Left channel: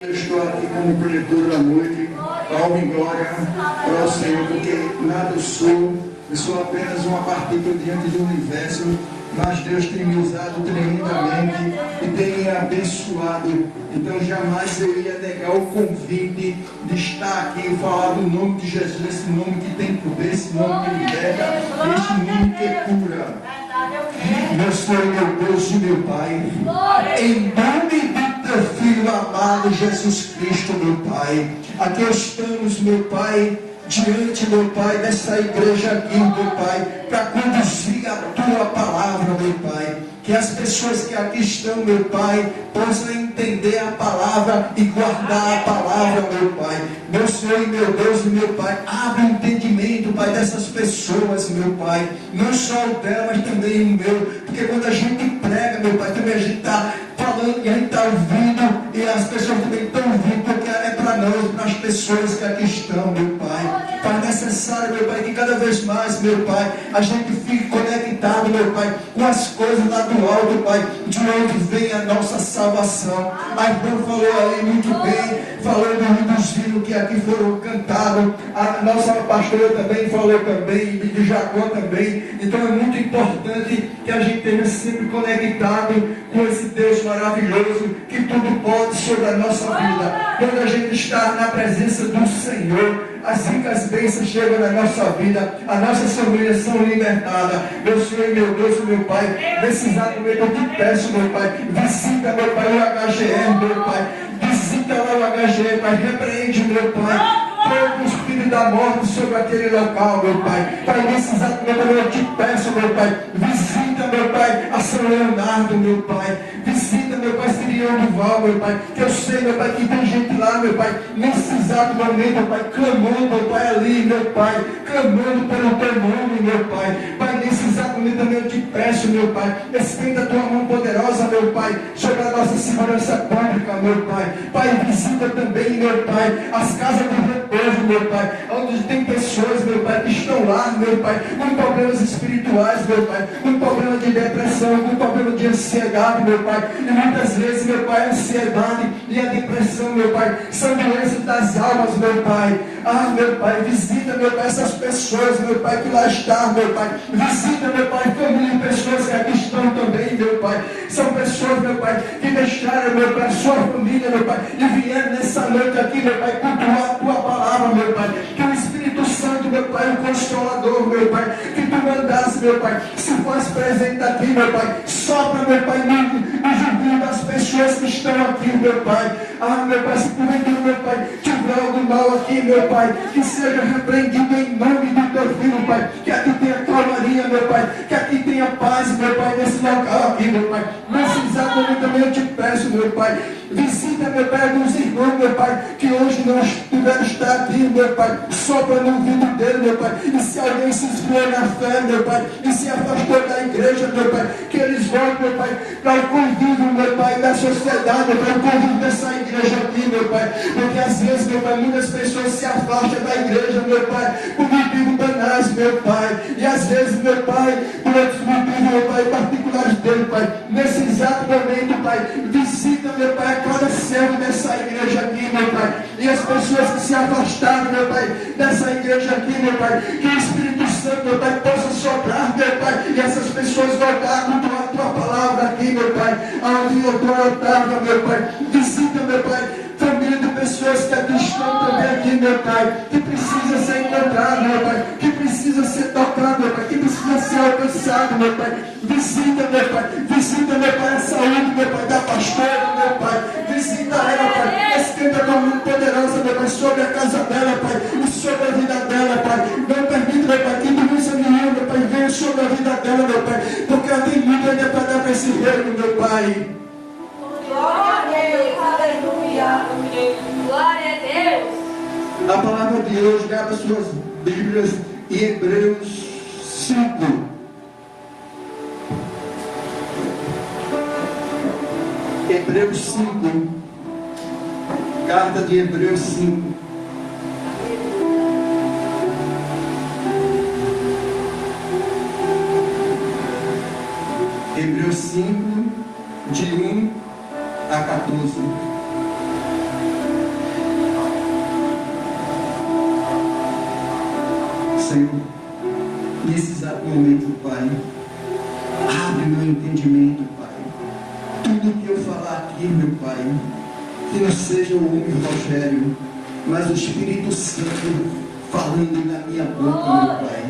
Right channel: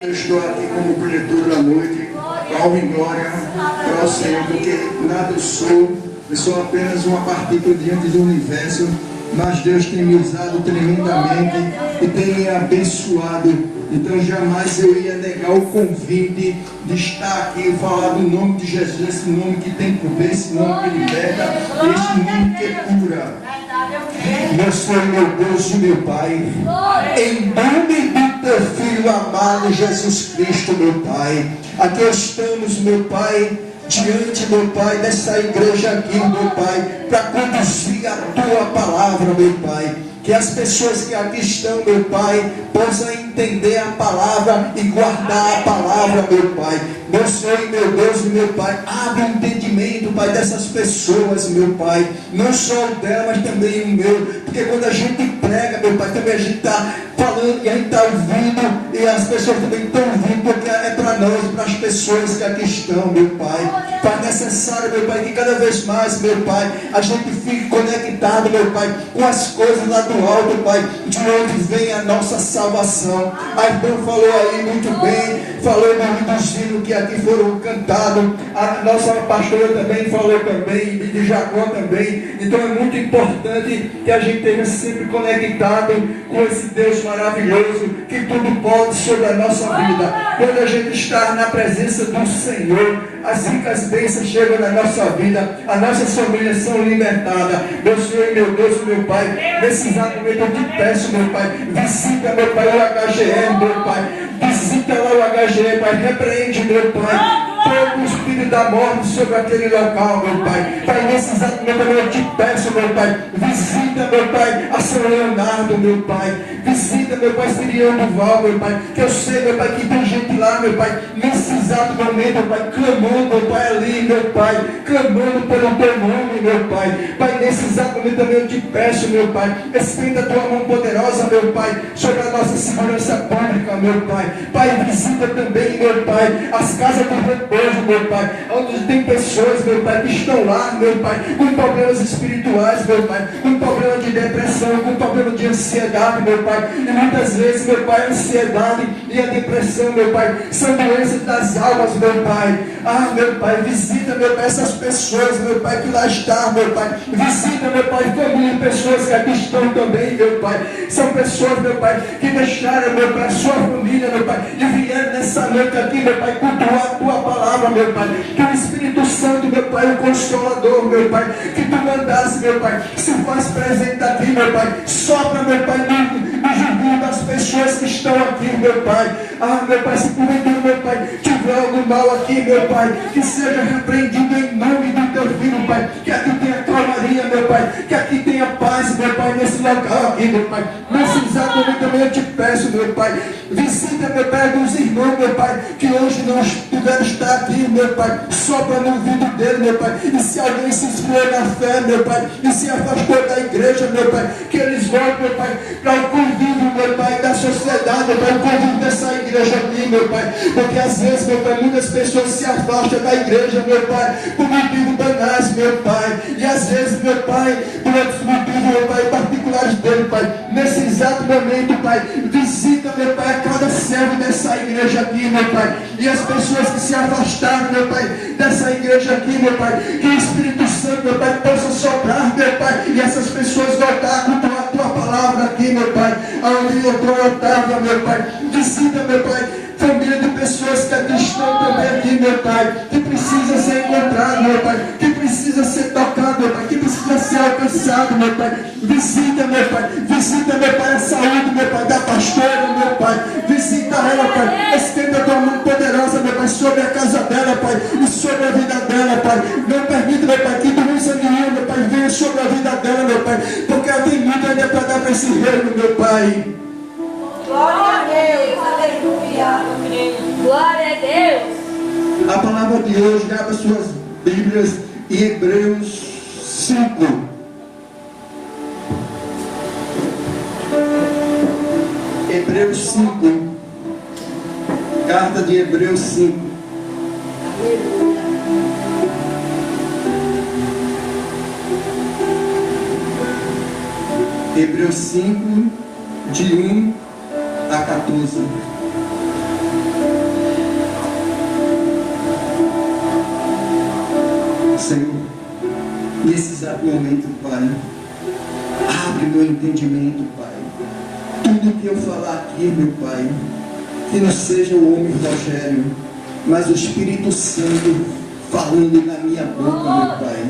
Eu estou aqui como preletor da noite, alvo e glória para o Senhor, porque nada eu sou apenas uma partícula diante do universo, mas Deus tem me usado tremendamente e tem me abençoado. Então jamais eu ia negar o convite de estar aqui e falar do nome de Jesus, esse nome que tem poder, esse nome que liberta, esse nome que cura. Meu Senhor, meu Deus e meu Pai, em nome do teu Filho amado Jesus Cristo, meu Pai, aqui estamos, meu Pai, diante, meu Pai, dessa igreja aqui, meu Pai, para conduzir a tua palavra, meu Pai. Que as pessoas que aqui estão, meu Pai, possam entender a palavra e guardar a palavra, meu Pai. Meu Senhor e meu Deus e meu Pai, abre o entendimento, Pai, dessas pessoas, meu Pai. Não só o dela, mas também o meu. Porque quando a gente prega, meu Pai, também a gente está falando e a gente está ouvindo. E as pessoas também estão ouvindo, porque é para nós e para as pessoas que aqui estão, meu Pai. Pai, necessário, meu Pai, que cada vez mais, meu Pai, a gente fique conectado, meu Pai, com as coisas lá do alto, Pai, de onde vem a nossa salvação. A irmã falou aí muito bem, falou dos hinos que aqui foram cantados, a nossa pastora também falou também, de Jacó também. Então é muito importante que a gente esteja sempre conectado com esse Deus maravilhoso, que tudo pode sobre a nossa vida. Quando a gente está na presença do Senhor, assim que as bênçãos chegam na nossa vida, as nossas famílias são libertadas. Meu Senhor, meu Deus e meu Pai, nesse exato momento eu te peço, meu Pai, visita, meu Pai, o HGM, meu Pai, visita lá o HGM, Pai, repreende, meu Pai, todo o espírito da morte sobre aquele local, meu Pai. Pai, nesse exato momento eu te peço, meu Pai, visita, meu Pai, a São Leonardo, meu Pai, visita, meu Pai, Siriano Duval, meu Pai, que eu sei, meu Pai, que tem gente lá, meu Pai, nesse exato momento, meu Pai, clamando, meu Pai, ali, meu Pai, clamando pelo teu nome, meu Pai. Pai, nesse exato momento também eu te peço, meu Pai, estenda a tua mão poderosa, meu Pai, sobre a nossa segurança pública, meu Pai. Pai, visita também, meu Pai, as casas do repouso, meu Pai, onde tem pessoas, meu Pai, que estão lá, meu Pai, com problemas espirituais, meu Pai, com problema de depressão, com problema de ansiedade, meu Pai. E muitas vezes, meu Pai, a ansiedade e a depressão, meu Pai, são doenças das almas, meu Pai. Ah, meu Pai, visita, meu Pai, essas pessoas, meu Pai, que lá estão, meu Pai. Visita, meu Pai, família, pessoas que aqui estão também, meu Pai. São pessoas, meu Pai, que deixaram, meu Pai, sua família, meu Pai, e vieram nessa noite aqui, meu Pai, cultuar a tua palavra, meu Pai. Que o Espírito Santo, meu Pai, o Consolador, meu Pai, que tu mandasse, meu Pai, se faz presente aqui, meu Pai. Sopra, meu Pai, no jubilho das pessoas que estão aqui, meu Pai. Ah, meu Pai, se porventura, meu Pai, tiver algo mal aqui, meu Pai, que seja repreendido em nome do teu Filho, Pai. Que aqui tenha calmaria, meu Pai. Que aqui tenha paz, meu Pai, nesse local aqui, meu Pai. Nesse exato momento também eu te peço, meu Pai. Visita, meu Pai, dos irmãos, meu Pai, que hoje não tiveram estar aqui, meu Pai. Sopra no ouvido dele, meu Pai. E se alguém se esfriou na fé, meu Pai, e se afastou da igreja, meu Pai, que eles voltem, meu Pai, para o convívio, meu Pai, da sociedade, meu Pai, o convívio dessa igreja aqui, meu Pai. Porque às vezes, meu Pai, muitas pessoas se afastam da igreja, meu Pai, por motivo banais, meu Pai. E às vezes, meu Pai, por outros motivos, meu Pai, particulares dele, Pai. Nesse exato momento, Pai, visita, meu Pai, a cada servo dessa igreja aqui, meu Pai. E as pessoas que se afastaram, meu Pai, dessa igreja aqui, meu Pai. Que o Espírito Santo, meu Pai, possa soprar, meu Pai. E essas pessoas voltar a tua palavra aqui, meu Pai. Aonde eu estava, meu Pai. Visita, meu Pai, família de pessoas que aqui estão também aqui, meu Pai, que precisa ser encontrado, meu Pai, que precisa ser tocado, meu Pai, que precisa ser alcançado, meu Pai. Visita, meu Pai, a saúde, meu Pai, da pastora, meu Pai. Visita ela, Pai, estenda a tua mão poderosa, meu Pai, sobre a casa dela, Pai, e sobre a vida dela, Pai. Não permita, meu Pai, que doença nenhuma, meu Pai, venha sobre a vida dela, meu Pai, porque ela tem muito ainda para dar para esse reino, meu Pai. Glória a Deus, aleluia, glória a Deus. A palavra de hoje, abra suas Bíblias em Hebreus 5. Hebreus 5. Carta de Hebreus 5. Hebreus 5, de 1 a 14. Senhor, nesse exato momento, Pai, abre meu entendimento, Pai. Tudo que eu falar aqui, meu Pai, que não seja o homem Rogério, mas o Espírito Santo falando na minha boca, meu Pai.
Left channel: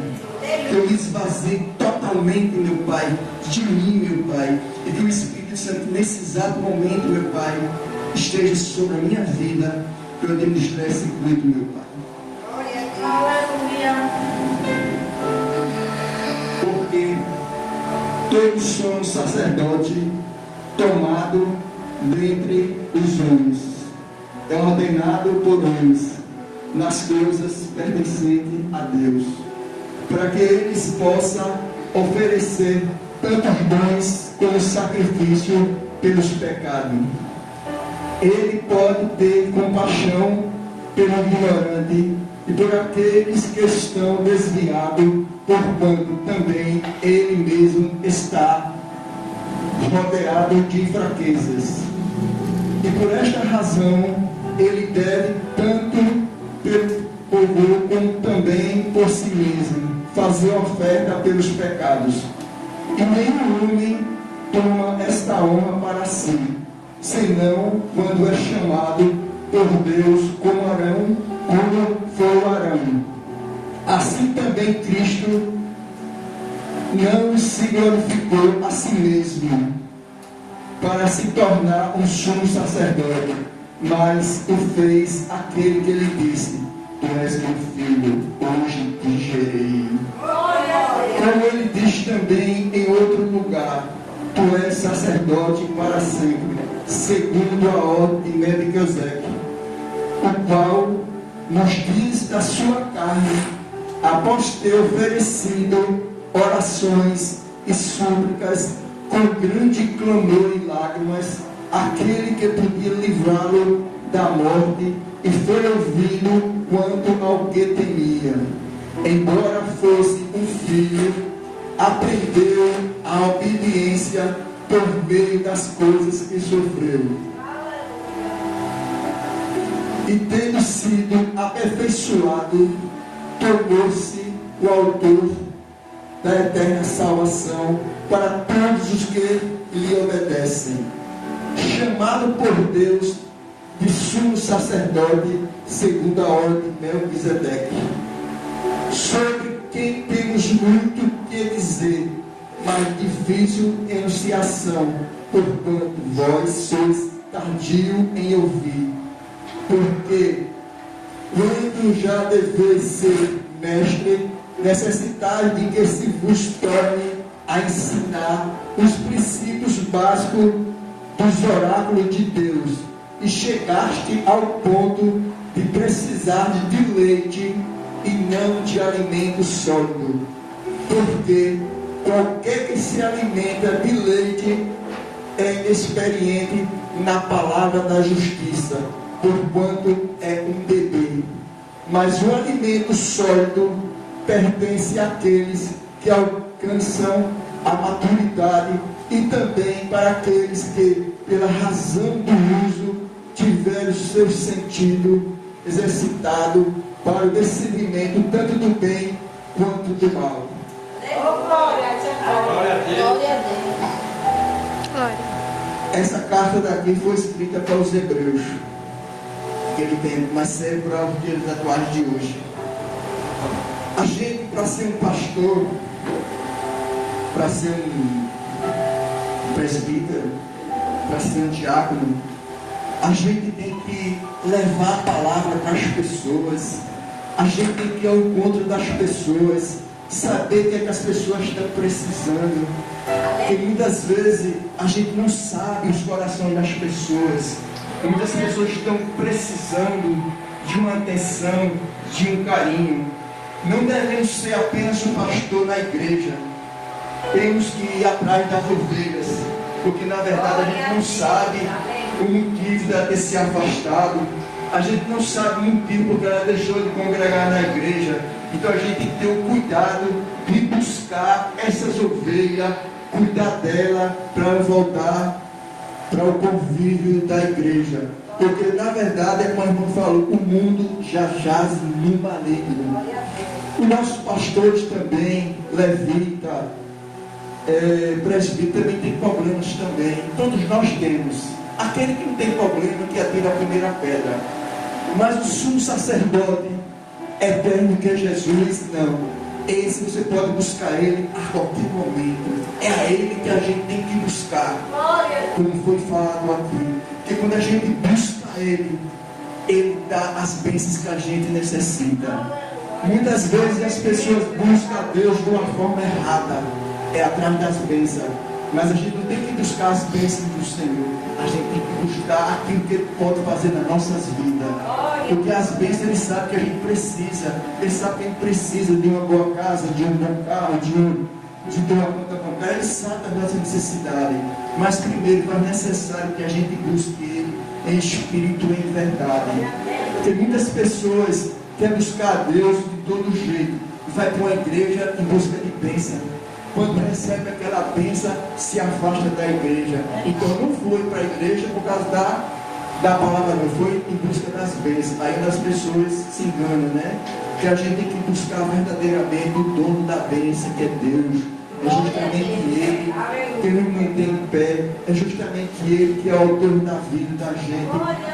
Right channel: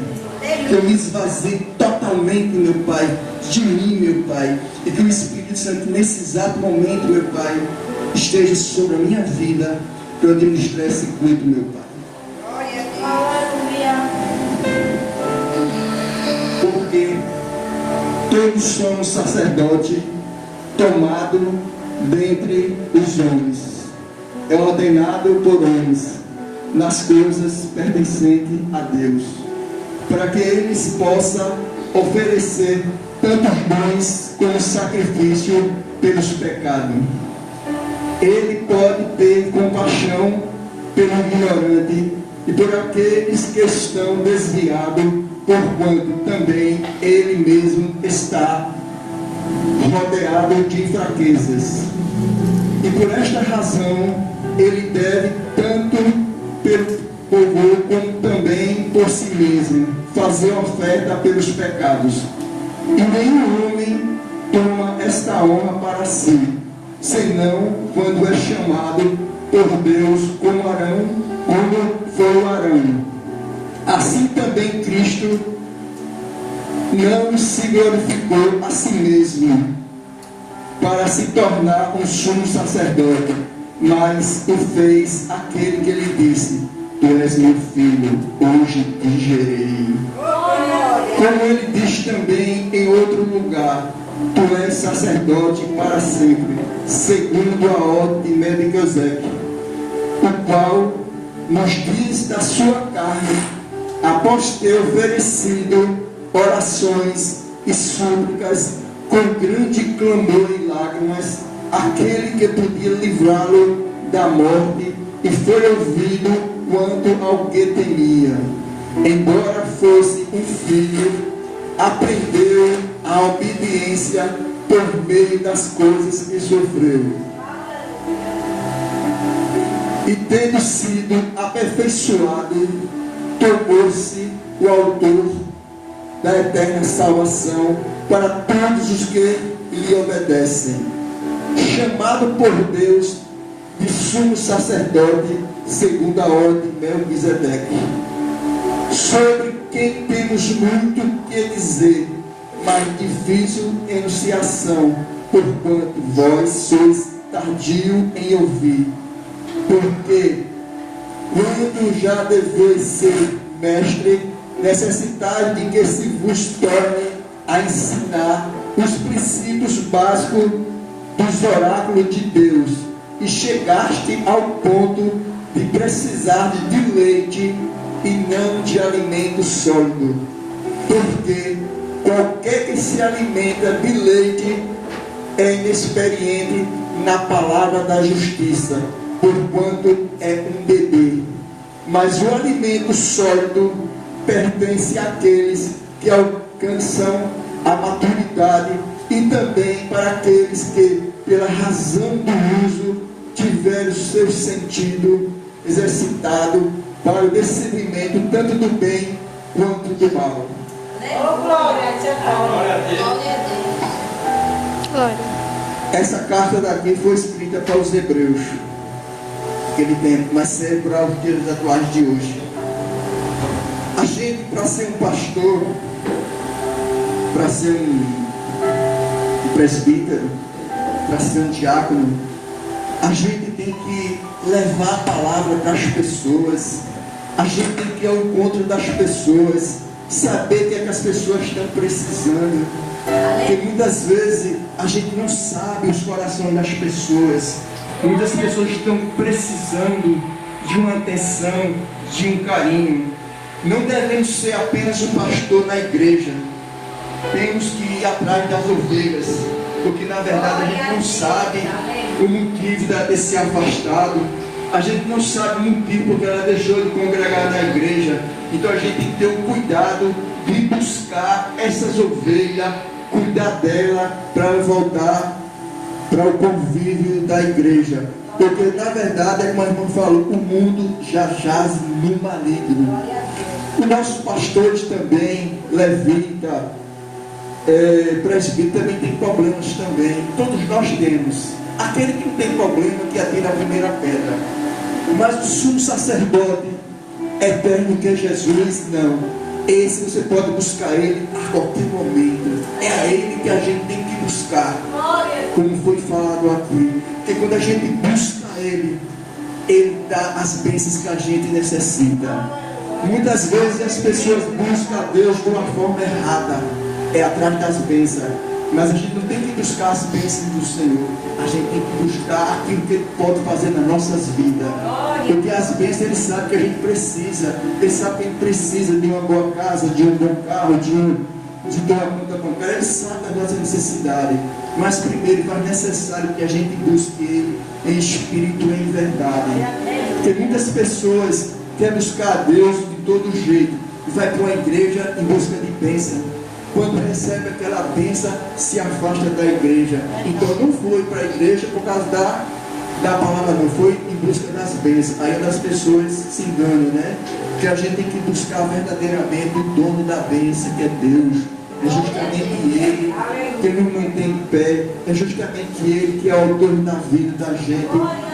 Que eu me esvazie totalmente, meu Pai, de mim, meu Pai. E que o Espírito Santo, nesse exato momento, meu Pai, esteja sobre a minha vida, para eu administrar esse culto, meu Pai. Porque todos somos sacerdotes tomados dentre os homens. É ordenado por homens nas coisas pertencentes a Deus, para que eles possam oferecer tantos bons como sacrifício pelos pecados. Ele pode ter compaixão pelo ignorante e por aqueles que estão desviados, porquanto também ele mesmo está rodeado de fraquezas. E por esta razão ele deve tanto pelo povo como também por si mesmo fazer oferta pelos pecados. E nenhum homem toma esta honra para si, senão quando é chamado por Deus como Arão, quando foi o Arão. Assim também Cristo não se glorificou a si mesmo para se tornar um sumo sacerdote, mas o fez aquele que lhe disse: Tu és meu filho, hoje te gerei. Como ele diz também em outro lugar: Tu és sacerdote para sempre, segundo a ordem de Melquisedeque, o qual nos diz da sua carne, após ter oferecido orações e súplicas com grande clamor e lágrimas, aquele que podia livrá-lo da morte, e foi ouvido quanto ao que temia. Embora fosse um filho, aprendeu a obediência por meio das coisas que sofreu. E tendo sido aperfeiçoado, tornou-se o autor da eterna salvação para todos os que lhe obedecem. Chamado por Deus de sumo sacerdote, segundo a ordem de Melquisedeque, sobre quem temos muito que dizer, mas difícil enunciação, porquanto vós sois tardio em ouvir. Porque quando já deveis ser mestre, necessitai de que se vos torne a ensinar os princípios básicos dos oráculos de Deus, e chegaste ao ponto de precisar de leite e não de alimento sólido. Porque qualquer que se alimenta de leite é inexperiente na palavra da justiça, porquanto é um bebê. Mas o alimento sólido pertence àqueles que alcançam a maturidade, e também para aqueles que, pela razão do uso, tiveram o seu sentido exercitado para o discernimento tanto do bem quanto do mal. Glória a Deus. Essa carta daqui foi escrita para os hebreus naquele tempo, mas serve para os dias atuais de hoje. A gente, para ser um pastor, para ser um presbítero, para ser um diácono, a gente tem que levar a palavra para as pessoas, a gente tem que ir ao encontro das pessoas, saber o que é que as pessoas estão precisando, porque muitas vezes a gente não sabe os corações das pessoas. Muitas pessoas estão precisando de uma atenção, de um carinho. Não devemos ser apenas um pastor na igreja. Temos que ir atrás das ovelhas, porque na verdade a gente não sabe o motivo dela ter se afastado. A gente não sabe o motivo porque ela deixou de congregar na igreja. Então a gente tem que ter o cuidado de buscar essas ovelhas, cuidar dela para voltar para o convívio da igreja. Porque na verdade, como a irmã falou, o mundo já jaz no maligno. Os nossos pastores também, levita, presbítero, também tem problemas também. Todos nós temos. Aquele que não tem problema, que atira a primeira pedra. Mas o sumo sacerdote eterno que é Jesus, não. Esse você pode buscar ele a qualquer momento. É a ele que a gente tem que buscar. Como foi falado aqui. Porque quando a gente busca ele dá as bênçãos que a gente necessita. Muitas vezes as pessoas buscam a Deus de uma forma errada. É atrás das bênçãos. Mas a gente não tem que buscar as bênçãos do Senhor. A gente tem que buscar aquilo que Ele pode fazer nas nossas vidas. Porque as bênçãos Ele sabe que a gente precisa. Ele sabe que a gente precisa de uma boa casa, de um bom carro, de uma conta bancária. Ele sabe da nossa necessidade. Mas primeiro é necessário que a gente busque Ele em espírito e em verdade. Porque muitas pessoas querem buscar a Deus de todo jeito. E vai para uma igreja em busca de bênção. Quando recebe aquela bênção, se afasta da igreja. Então não foi para a igreja por causa da palavra, não foi em busca das bênçãos. Aí as pessoas se enganam, né? Que a gente tem que buscar verdadeiramente o dono da bênção, que é Deus. É justamente Ele que nos mantém em pé. É justamente Ele que é o autor da vida da gente.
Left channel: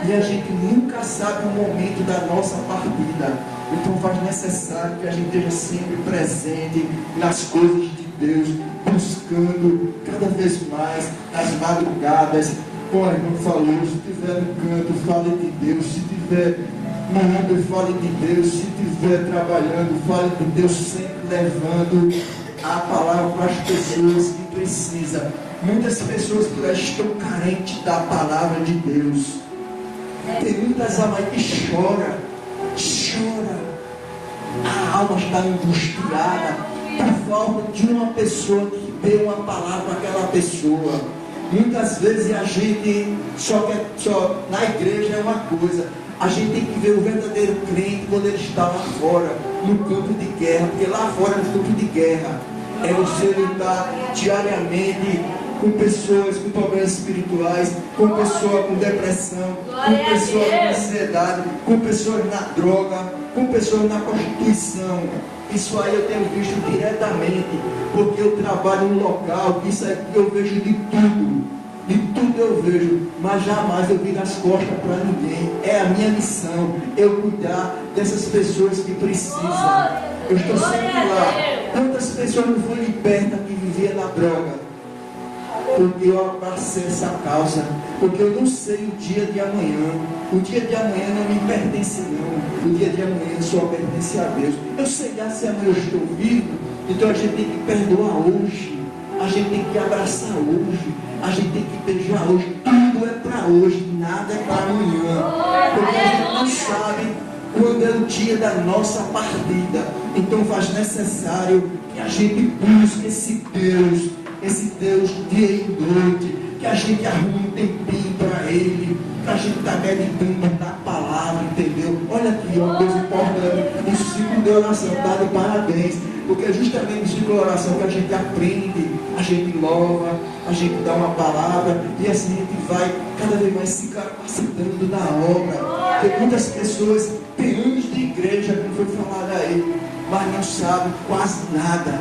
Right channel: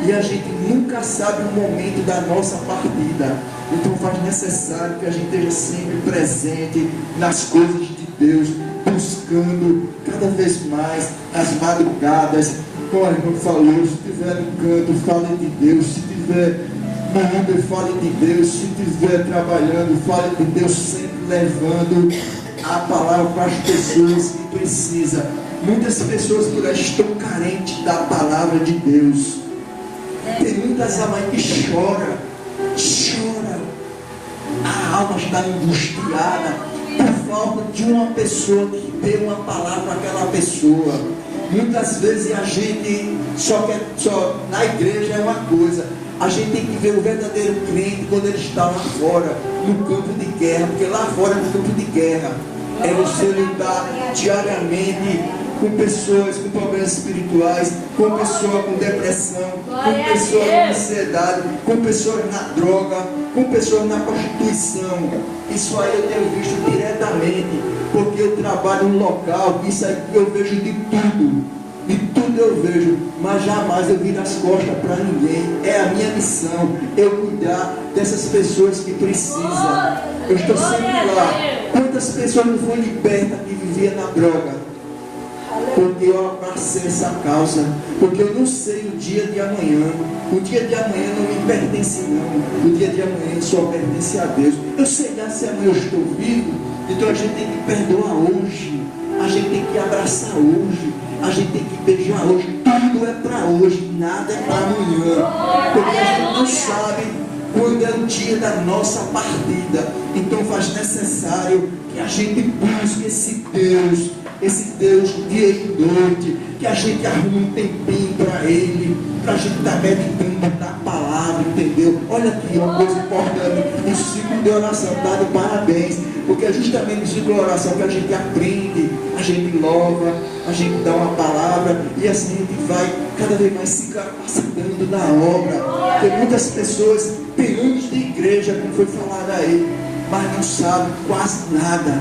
E a gente nunca sabe o momento da nossa partida. Então faz necessário que a gente esteja sempre presente nas coisas de Deus, buscando cada vez mais as madrugadas. Como a irmã falou, se tiver no canto, fale de Deus. Se tiver na obra, fale de Deus. Se tiver trabalhando, fale de Deus, sempre levando a palavra para as pessoas que precisam. Muitas pessoas por aí estão carentes da palavra de Deus. Tem muitas almas que choram. A alma está angustiada por falta de uma pessoa que dê uma palavra para aquela pessoa. Muitas vezes a gente só na igreja é uma coisa. A gente tem que ver o verdadeiro crente quando ele está lá fora, no campo de guerra, porque lá fora é um campo de guerra. É você lidar diariamente com pessoas com problemas espirituais, com pessoas com depressão, com pessoas com ansiedade, com pessoas na droga, com pessoas na prostituição. Isso aí eu tenho visto diretamente, porque eu trabalho em um local que isso aí eu vejo de tudo eu vejo, mas jamais eu viro as costas para ninguém. É a minha missão, eu cuidar dessas pessoas que precisam. Eu estou sempre lá. Quantas pessoas não foram libertas de viver na droga? Porque eu abracei essa causa, porque eu não sei o dia de amanhã. O dia de amanhã não me pertence não. O dia de amanhã só pertence a Deus. Eu sei lá se amanhã eu estou vivo, então a gente tem que perdoar hoje, a gente tem que abraçar hoje, a gente tem que beijar hoje. Tudo é para hoje, nada é para amanhã, porque a gente não sabe quando é o dia da nossa partida. Então faz necessário que a gente busque esse Deus dia e noite, que a gente arrume um tempinho para Ele, para a gente estar meditando na palavra, entendeu? Olha aqui, uma coisa importante, o ciclo de oração, tá de parabéns, porque é justamente no ciclo de oração que a gente aprende, a gente louva, a gente dá uma palavra, e assim a gente vai cada vez mais se capacitando na obra. Porque muitas pessoas têm anos de igreja, como foi falado aí, mas não sabem quase nada.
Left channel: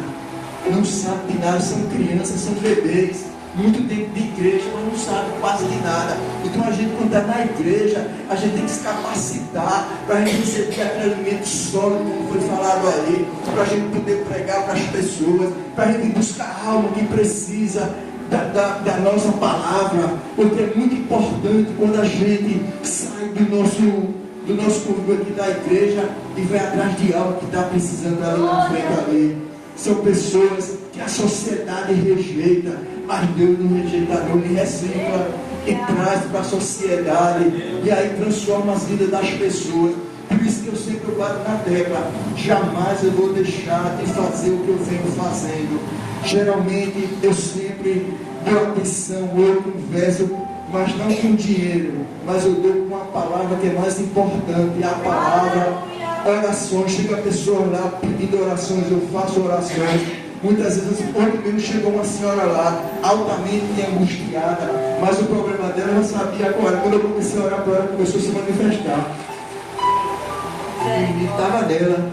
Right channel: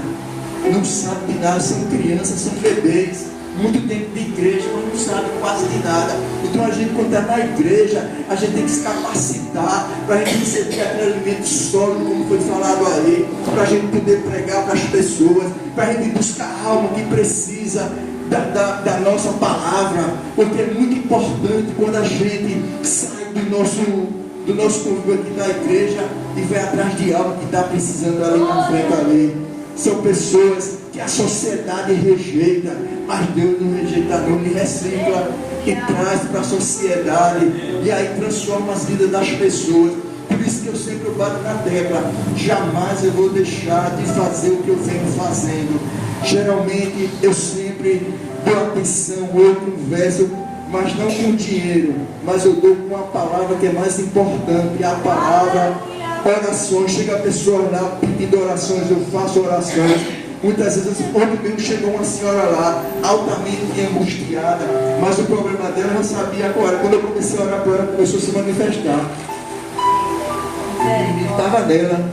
Não sabem de nada, são crianças, são bebês, muito tempo de igreja, mas não sabem quase de nada. Então a gente, quando está na igreja, a gente tem que se capacitar para a gente receber aquele alimento sólido, como foi falado aí, para a gente poder pregar para as pessoas, para a gente buscar a alma que precisa da nossa palavra, porque é muito importante quando a gente sai do nosso convívio aqui da igreja e vai atrás de algo que está precisando ali na frente ali. São pessoas que a sociedade rejeita, mas Deus não rejeita, não, Ele recicla e traz para a sociedade, e aí transforma as vidas das pessoas. Por isso que eu sempre bato na tecla: jamais eu vou deixar de fazer o que eu venho fazendo. Geralmente eu sempre dou atenção, eu converso, mas não com dinheiro, mas eu dou com a palavra que é mais importante, e a palavra. Orações, chega a pessoa lá pedindo orações, eu faço orações. Muitas vezes, ontem mesmo chegou uma senhora lá, altamente angustiada, mas o problema dela eu não sabia agora. Quando eu comecei a orar para ela, começou a se manifestar. E estava nela.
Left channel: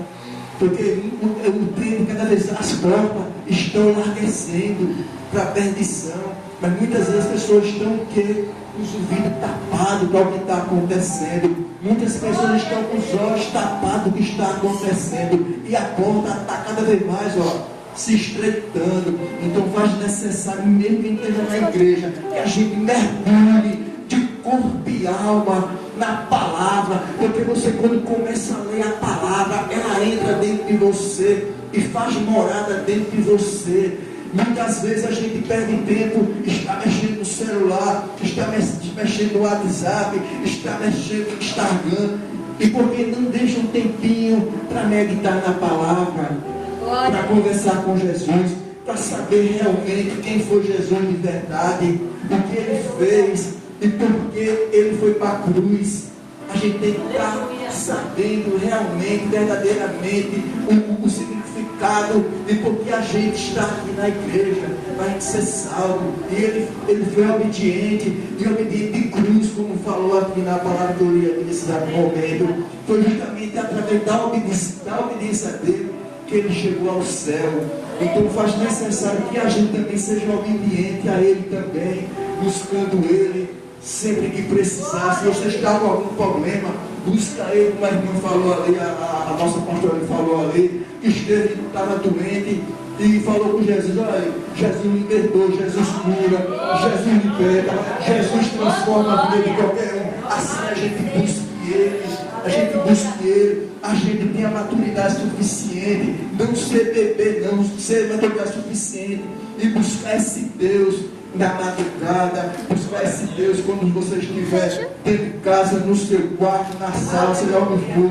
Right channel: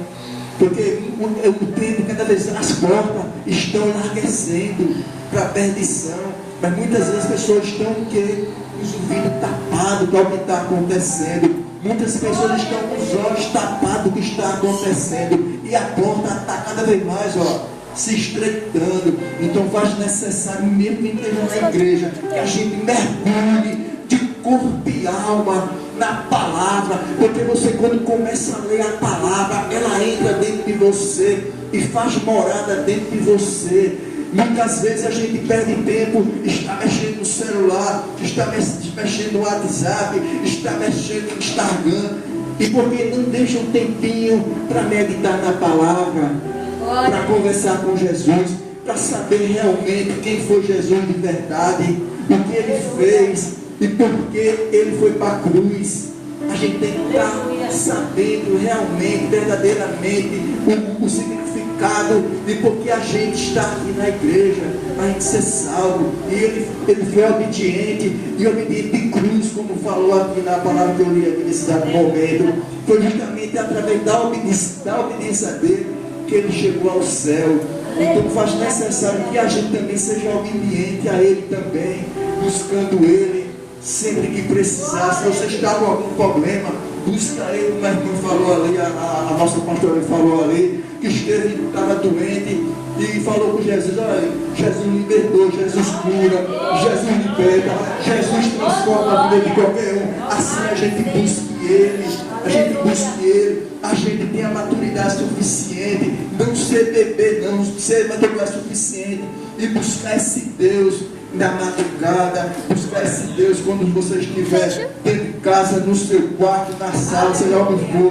Porque eu entendo cada vez as portas estão enlarguecendo para a perdição. Mas muitas vezes as pessoas estão com os ouvidos tapados com o que está acontecendo. Muitas pessoas estão com os olhos tapados com o que está acontecendo. E a porta está cada vez mais, se estreitando. Então faz necessário, mesmo que esteja na igreja, que a gente mergulhe de corpo e alma na palavra. Porque você, quando começa a ler a palavra, ela entra dentro de você e faz morada dentro de você. Muitas vezes a gente perde tempo, está mexendo no celular, está mexendo no WhatsApp, está mexendo no Instagram, e porque não deixa um tempinho para meditar na palavra, para conversar com Jesus, para saber realmente quem foi Jesus de verdade, o que ele fez e por que ele foi para a cruz. A gente tem que estar sabendo realmente, verdadeiramente, o significado e porque a gente está aqui na igreja, para a gente ser salvo. E ele foi obediente, e obediente de cruz, como falou aqui na palavra que eu li aqui nesse dado momento. Foi justamente através da obediência dele que ele chegou ao céu. Então faz necessário que a gente também seja obediente a ele também, buscando ele sempre que precisar. Se você está com algum problema, busca ele, como a irmã falou ali, a nossa pastora falou ali, que estava doente e falou com Jesus: olha, Jesus libertou, Jesus cura, Jesus liberta, Jesus transforma a vida de qualquer um. Assim a gente busca ele, a gente tem a maturidade suficiente, não ser bebê, não ser maturidade suficiente, e buscar esse Deus na madrugada, buscar esse Deus quando você estiver dentro de casa, no seu quarto, na sala, seja onde for.